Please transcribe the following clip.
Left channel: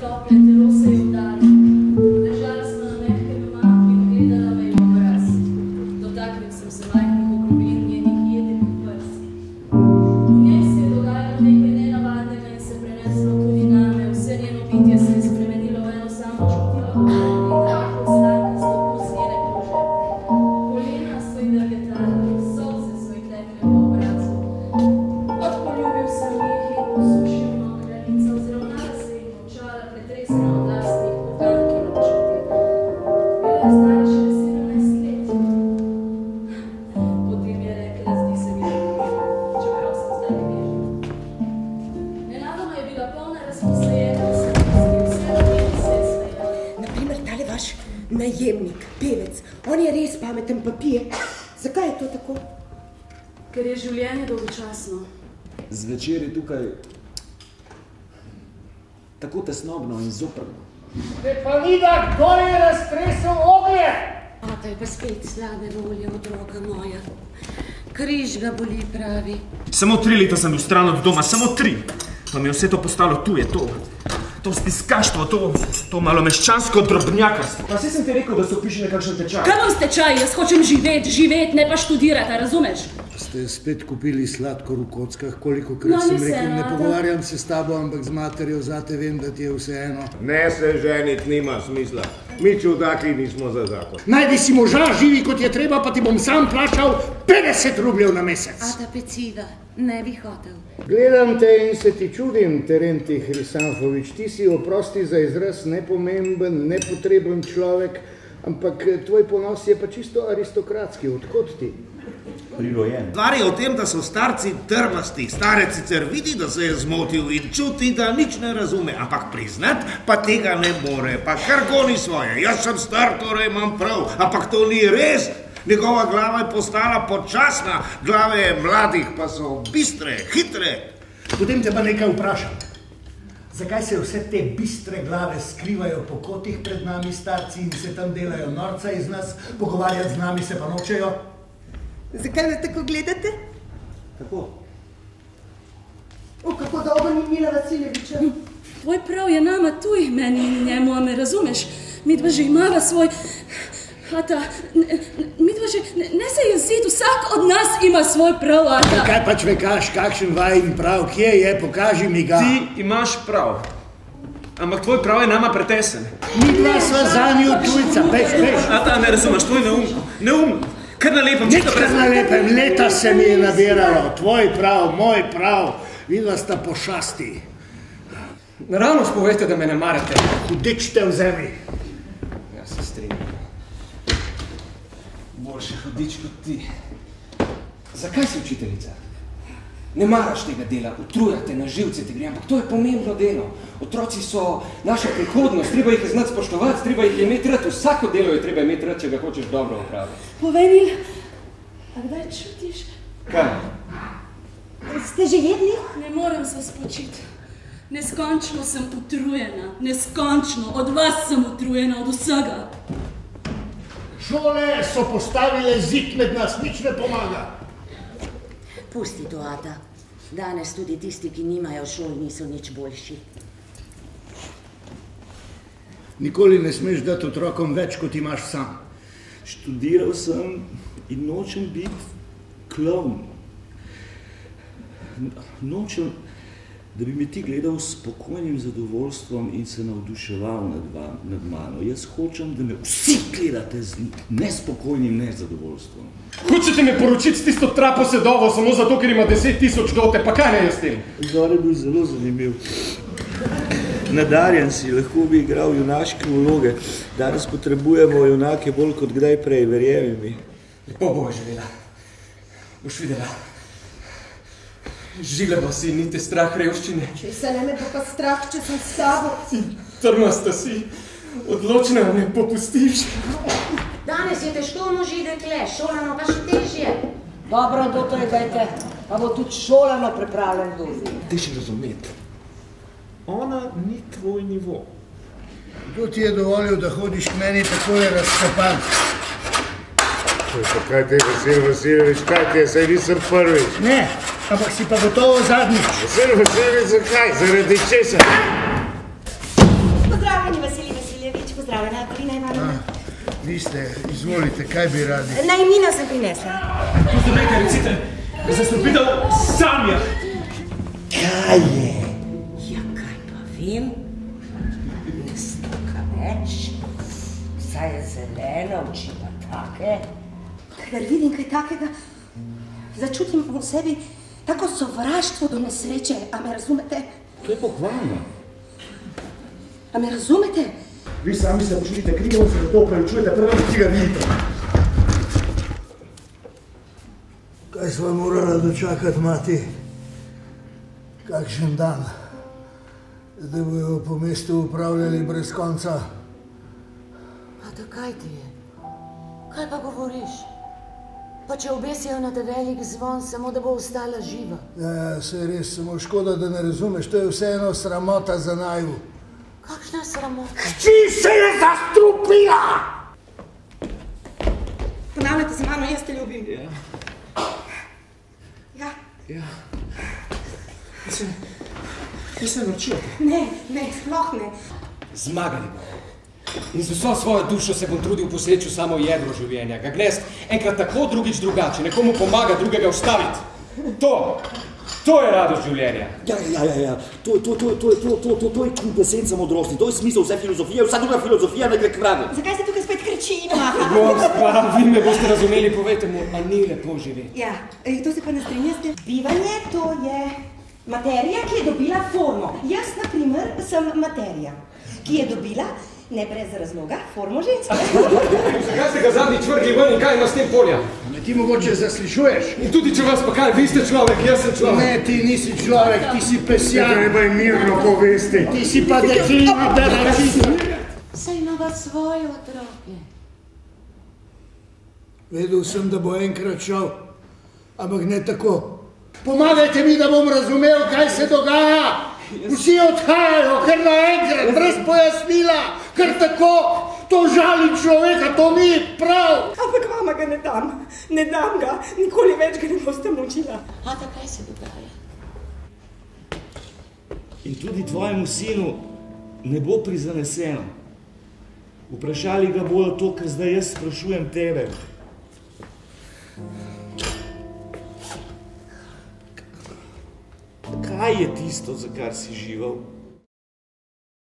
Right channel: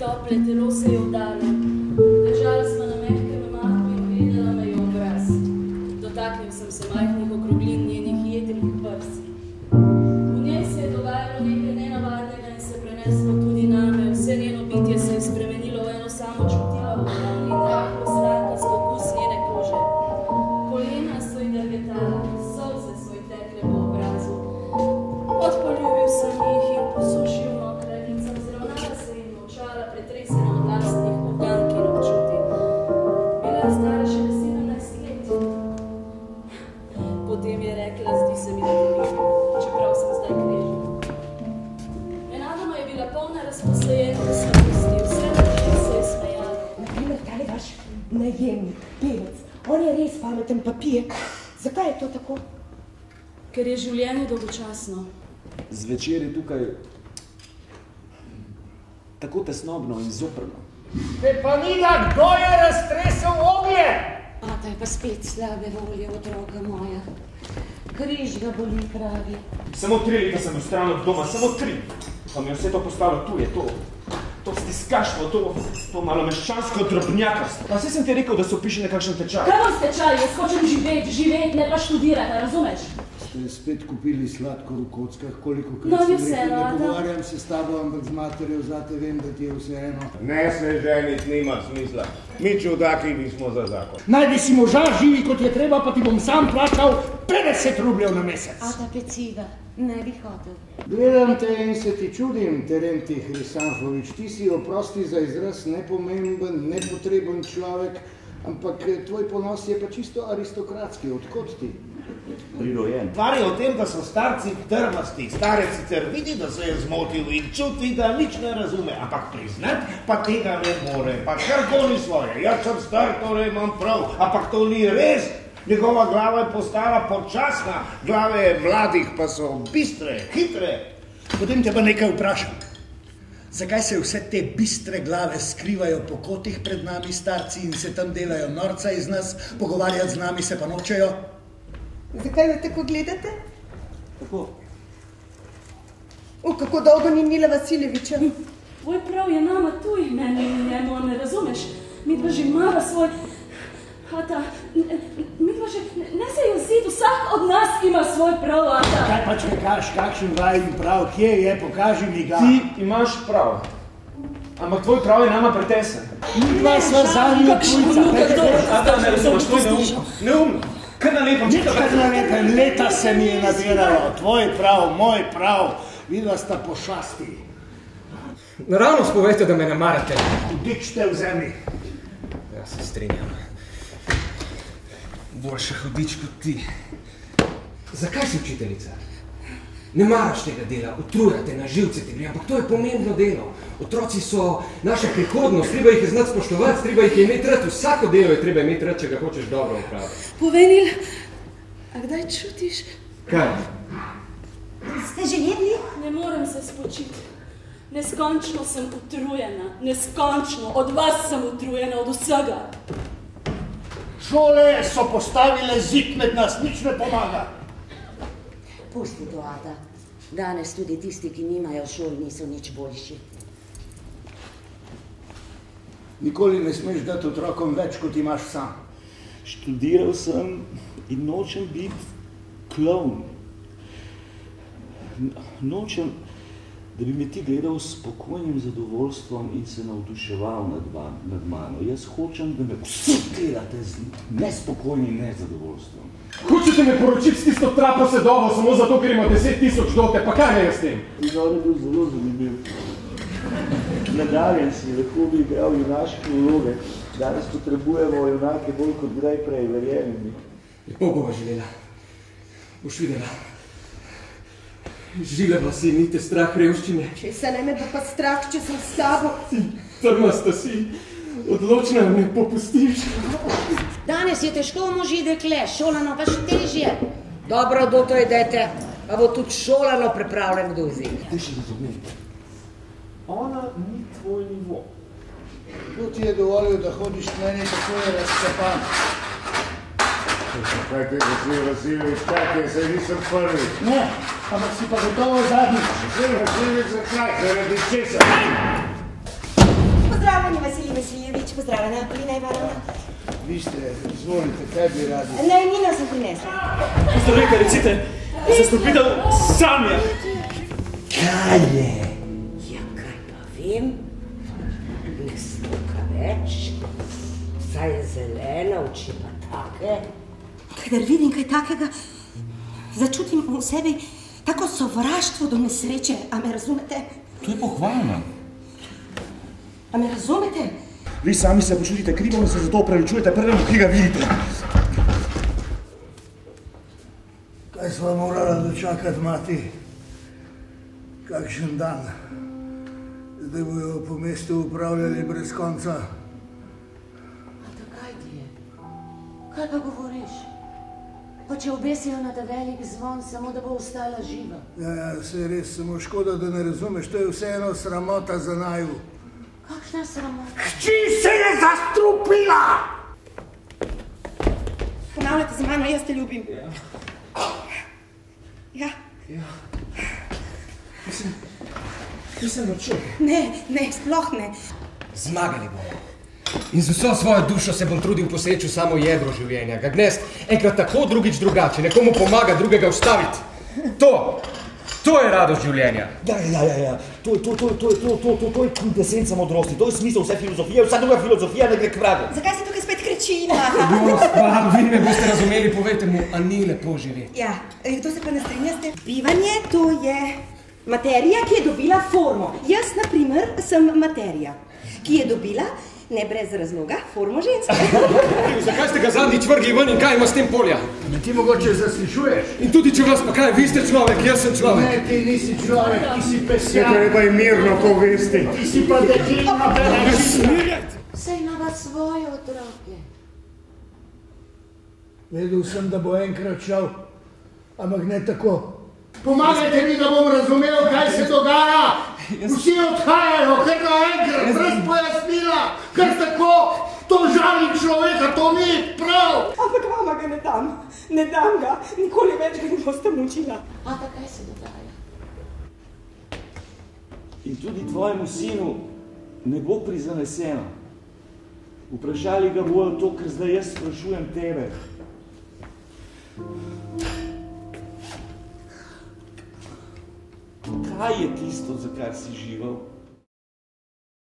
Tople telo se je vdalo. Ležali smo na mehkem mahu in gledala me je obraz. Dotaknil sem se majhnih okroglin njenih jedrih prsi. V njej se je dogajalo nekaj nenavadnega in se preneslo tudi name. Vse njeno bitje se je spremenilo v eno samo čutilo in rahlo slankasto okus njene kože. Kolena so ji drgetala, solze so ji tekle po obrazu. Odpoljubil sem jih in posušil mokre lice, vzravnala se in molčala, pretresena od lastnih ugank in občutij. Bila je stara šele 17 let. Potem je rekla, zdi se mi, da ljubim, čeprav sem zdaj knježna. Nenadoma je bila polna razposajenosti, vse na njej se je smejala. Naprimer, tale vaš najemnik, pevec, on je res pameten pa pije. Zakaj je to tako? Ker je življenje dolgočasno. Zvečer je tukaj tako tesnobno in zoprno. Stefanida, kdo je raztresel oglje? Ata je pa spet slabe volje, otroka moja. Križ ga boli, pravi. Samo 3 leta sem bil stran od doma, samo 3. Pa mi je vse to postalo tuje, to stiskaštvo, to malomeščansko drobnjakarstvo. Pa saj sem ti rekel, da se upiše nekakšen tečaj. Kaj bom s tečaj? Jaz hočem živeti, ne pa študirati, razumeš? Ste spet kupili sladkor v kockah, kolikokrat sem rekel, ne pogovarjam se s tabo, ampak z materjo, zate vem, da ti je vseeno. Ne se ženit, nima smisla. Mi čudaki nismo za zakon. Najdi si moža, živi kot je treba, pa ti bom sam plačal 50 rubljev na mesec. Ata peciva, ne bi hotel. Gledam te in se ti čudim, Terentij Hrisanfovič. Ti si, oprosti za izraz, nepomemben, nepotreben človek, ampak tvoj ponos je pa čisto aristokratski. Odkot ti? Prirojen. Stvar je v tem, da so starci trmasti. Starec sicer vidi, da se je zmotil in čuti, da nič ne razume, ampak priznat pa tega ne more. Pa kar goni svoje. Jaz sem star, torej imam prav, ampak to ni res. Njegova glava je postala počasna, glave mladih pa so bistre, hitre. Potem te pa nekaj vprašam. Zakaj se vse te bistre glave skrivajo po kotih pred nami, starci, in se tam delajo norca iz nas, pogovarjati z nami se pa nočejo? Zakaj me tako gledate? Kako? Kako dolgo ni Mila Vasiljeviča? Tvoj prav je nama tuj, meni in njemu, a me razumeš? Midva že imava svoj... Ata, midva že... Ne se jezit, vsak od nas ima svoj prav, Ata. Kaj pač vekaš, kakšen vajin prav, kje je, pokaži mi ga. Ti imaš prav, ampak tvoj prav je nama pretesen. Midva sva zanju tujca, peš. Ata, ne razumeš, to je neumno. Kar na lepem, čisto brez... Nič kar na lepem, leta se mi je nabiralo. Tvoj prav, moj prav, vidva sta pošasti. Naravno spovejte, da me ne marate. Hudičte v zemlji. Ja, se strinjam. Boljše hudič kot ti. Zakaj si učiteljica? Ne maraš tega dela, utrujate na živce ti gre, ampak to je pomembno delo. Otroci so naša prihodnost, treba jih znati spoštovati, treba jih imeti rad. Vsako delo je treba imeti rad, če ga hočeš dobro napraviti. Povenil, a kdaj čutiš? Kaj? Ste že jedli? Ne morem se spočiti. Neskončno sem utrujena, neskončno. Od vas sem utrujena, od vsega. Šole so postavile zid med nas, nič ne pomaga. Pusti to, Ata. Danes tudi tisti, ki nimajo šol, niso nič boljši. Nikoli ne smeš dati otrokom več, kot imaš sam. Študiral sem in nočem biti klovn. Nočem, da bi me ti gledal s spokojnim zadovoljstvom in se navduševal nad mano. Jaz hočem, da me vsi gledate z nespokojnim nezadovoljstvom. Hočete me poročiti s tisto trapo sedovo samo zato, ker ima 10 000 dote, pa kaj ne jaz s tem? Izor je bil zelo zanimiv. Nadarjen si, lahko bi igral junaške vloge. Danes potrebujemo junake bolj kot kdaj prej, verjemi mi. Lepo bova živela. Boš videla. Živela si, ni te strah revščine. Če se ne me pa strah, če sem s tabo. Trmasta si. Odločna me popustiš. Danes je težko moži dekle, šolano pa še težje. Dobro, doktore, dajte, pa bo tudi šolano pripravljen kdo vzeti. Ti še razumeti. Ona ni tvoj nivo. Kako ti je dovolil, da hodiš k meni, tako je razcepan. Kaj te je, Vasil Vasiljevič, kaj te je, saj nisem prvič. Ne, ampak si pa gotovo zadnjič. Vasil Vasiljevič, zakaj? Zaradi česa? Pozdravljeni, Vasilij Vasiljevič, pozdravljena, Polina Ivanovna. Vi ste, izvolite, kaj bi radi? Najemnino sem prinesla. Pozdravljajte, recite, zastopitev Sanja. Kaj je? Ja, kaj pa vem? Ne stroka več. Saj je zelena, oči pa take. Kadar vidim kaj takega, začutim v sebi tako sovraštvo do nesreče, a me razumete? To je pohvalno. A me razumete? Vi sami se počutite krivo in se zato opravičujete prvem, ki ga vidite. Kaj sva morala dočakati, mati? Kakšen dan? Zdaj bojo po mestu upravljali brez konca. Ata, kaj ti je? Kaj pa govoriš? Pa če obesijo na ta velik zvon, samo da bo ostala živa. Ja, se res, samo škoda, da ne razumeš, to je vseeno sramota za naju. Kakšna sramota? Hči se je zastrupila! Ponavljate se mano, jaz te ljubim. Ja. Kaj se naučil? Ne, sploh ne. Zmagali bomo. In z vso svojo dušo se bom trudil poseči v samo jedro življenja. Ga gnest enkrat tako, drugič drugače. Nekomu pomaga, drugega ustaviti. To je radost življenja. Ja. To je kvintesenca modrosti. To je smisel vse filozofije, vsa druga filozofija, da gre k vragu. Zakaj se tukaj spet kriči? Vi me boste razumeli, povejte mu, a ni lepo živeti. Ja, to se pa ne strinjate. Bivanje, to je materija, ki je dobila formo. Jaz, na primer, sem materija, ki je dobila, ne brez razloga, formo ženska. Zakaj ste ga zadnjič vrgli ven in kaj ima s tem polja? Me ti mogoče zaslišuješ? In tudi če vas pa kaj, vi ste človek, jaz sem človek. Ne, ti nisi človek, ti si pesjak. Treba je mirno povesti. Ti si pa deklina, da ne smirati. Saj ima svoje otroke. Vedel sem, da bo enkrat šel, ampak ne tako. Pomagajte mi, da bom razumel, kaj se dogaja. Vsi odhajajo, kar naenkrat, brez pojasnila, kar tako. To žali človeka, to ni prav. Ampak vama ga ne dam ga, nikoli več ga ne boste mučila. Ata, kaj se dogaja? In tudi tvojemu sinu ne bo prizaneseno. Vprašali ga bojo to, kar zdaj jaz sprašujem tebe. Kaj je tisto, za kar si živel?